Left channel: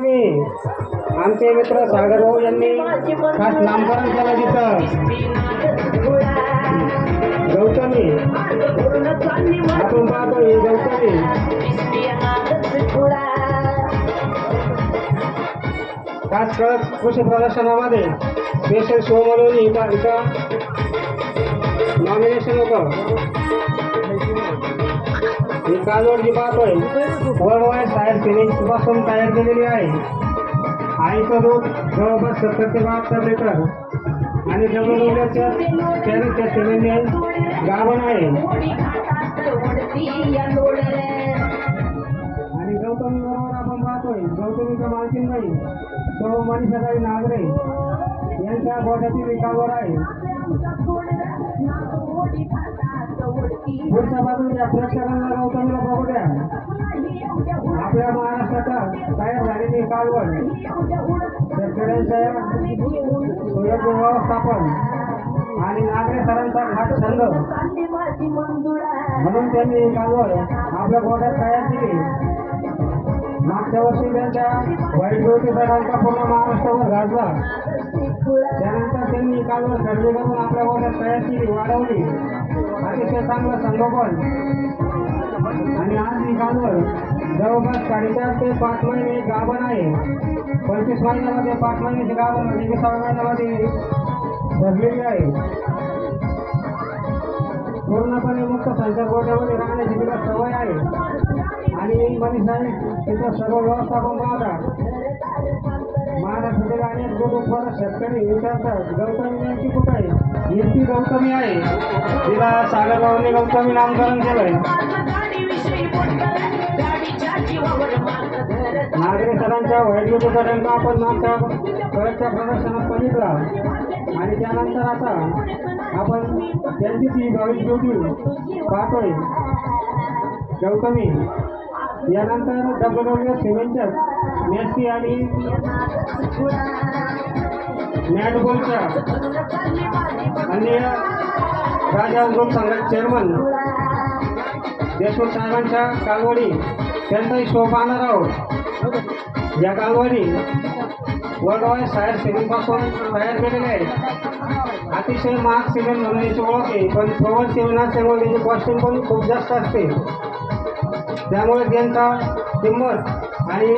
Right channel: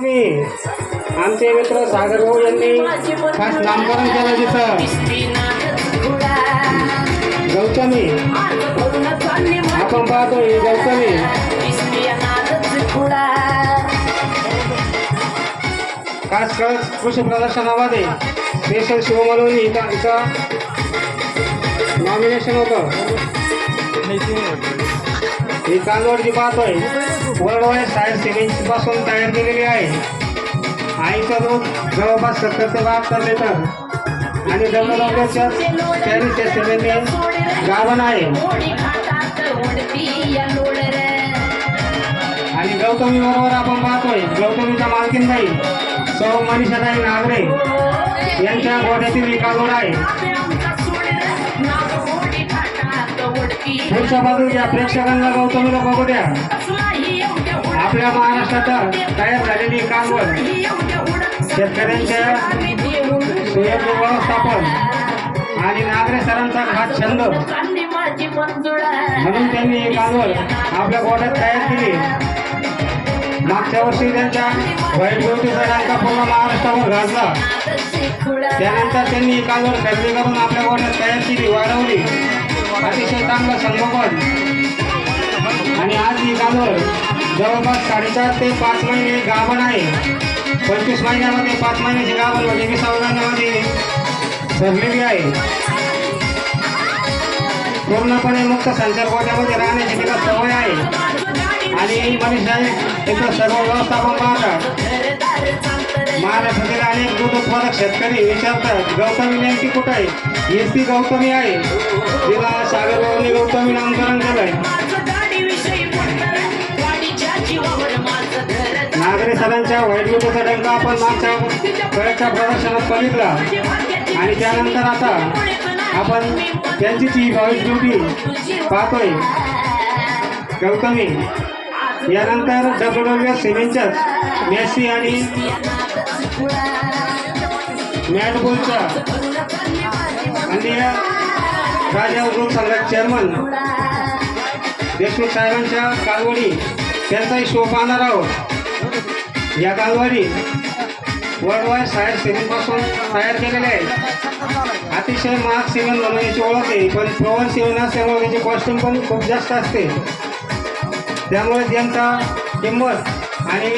मी आमचे मित्र सागर भाऊ यांनी खास नामकरण केलं तिथं. गौतमी. आपण पाहतो ही गौतमी. खास कळस कृषी प्रदर्शनामध्ये स्पेशल शो म्हणून इथं इथं नॉमिनेशन होतं. ही कालवड जी पाहतोय वर्ल्ड वाईड सायर सिमेंटपासून तयार केलेली आहे. आईचं दूध जवळपास सत्तर ते बहात्तर लिटर. आणि डब्ल्यूडब्ल्यूच्या चाळीसच्या सिमेंटने गाभण आहे. आणि गौतमी बरोबर आपण पाहतोय. गौतमीच्या मालकीनबाई सौ मनीषाताई नागरे यांच्या गोड्यातील ही कालवड आहे. पुढच्या बाजूला प्रेक्षकांना गौतम बघू द्या आपल्या महाराष्ट्रात तयार झालेली कालवड शेतकऱ्यांच्या सुयोग्य व्यवस्थापन आणि नागरे सरांचा हा छंद. म्हणून त्यांनी ही कालवड आपल्या गोड्यात तयार केली. मागच्या वर्षी त्यांच्या वाईट गोष्टीचा डांका पूर्ण महाराष्ट्रावर गाजला त्यानंतर त्यांनी ही कालवड खरेदी करून आपल्या गोड्यात तयार केली वाढवली. अतिशय चांगलं संगोपन. आणि आज ही कालवड जवळपास साडेचार ते पाच महिने गाभण आहे. पंचवीस महिन्यामध्ये पाच महिन्याची गाभण म्हणजे महिन्यामध्ये भरलेली आहे. पूर्णपणे मुक्त संचार गोट्यामध्ये राहण्याची तिला सवय आहे. आणि मनीषा इथं सर्व व्यवस्थापन पाहतात. शेतकरी विचारतात गौतमी नेमकी कुठं आहे? एस ती गौतमी आहे. तिला सागरबाबांनी गौतमी नामकरण केलंय. नागरे सरांच्या व्हाईट ब्युटीचा डंका आपण मागच्या कळच्या प्रदर्शनात बघितला. आणि त्यानंतर आता आपण त्यांचीच ही व्हाईट ब्युटी पाहतोय गौतमी यानंतर डब्ल्यू डब्ल्यू सिमेंटच्याच मेसी आणि मॅट आणि अन्य राजा उद्योग संघाचे चेअरमन देशमुख साहेबांच्या कालवडी त्यांचाही शो पाहणार आहोत या कालवडी वर्ल्ड वाईड सायर सिमेंटपासून तयार केलेल्या आहेत. अतिशय महाग सिमेंट म्हणून याची ओळख आहे पण प्रवण सिमेंट असल्यामुळे त्याची कॉस्टिंग पण खूप जास्त असते. त्यामुळे त्यांचा किंमत आणि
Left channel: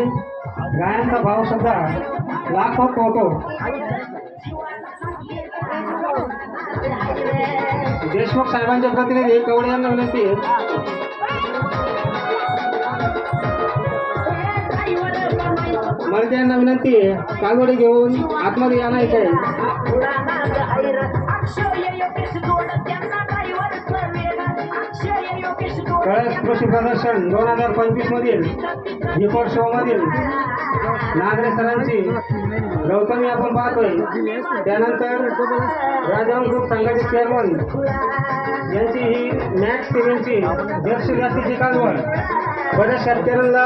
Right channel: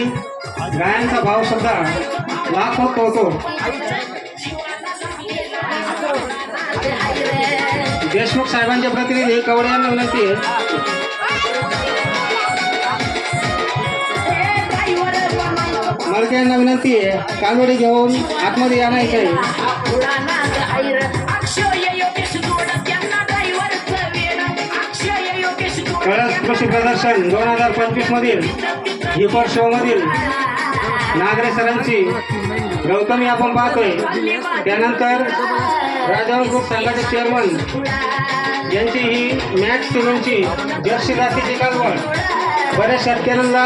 गायांचा भावसुद्धा सुद्धा लाखोत होतो. देशमुख साहेबांचे प्रतिनिधी कवडे यांना विनंती आहे. मलके यांना विनंती आहे कालवडी घेऊन आतमध्ये यानायचं आहे कळस कृषी प्रदर्शन दोन हजार पंचवीस मधील हिपर शो मधील नागरे सरांची गौतमी आपण पाहतोय. त्यानंतर राजावर ग्रुप संघाचे चेअरमन यांची ही मॅक्स सिमेंटची जर्सी जातीची कालवड बऱ्याच शेतकऱ्यांना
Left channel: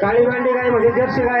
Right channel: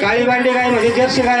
काळी बांडी गाय म्हणजे जर्सी गाय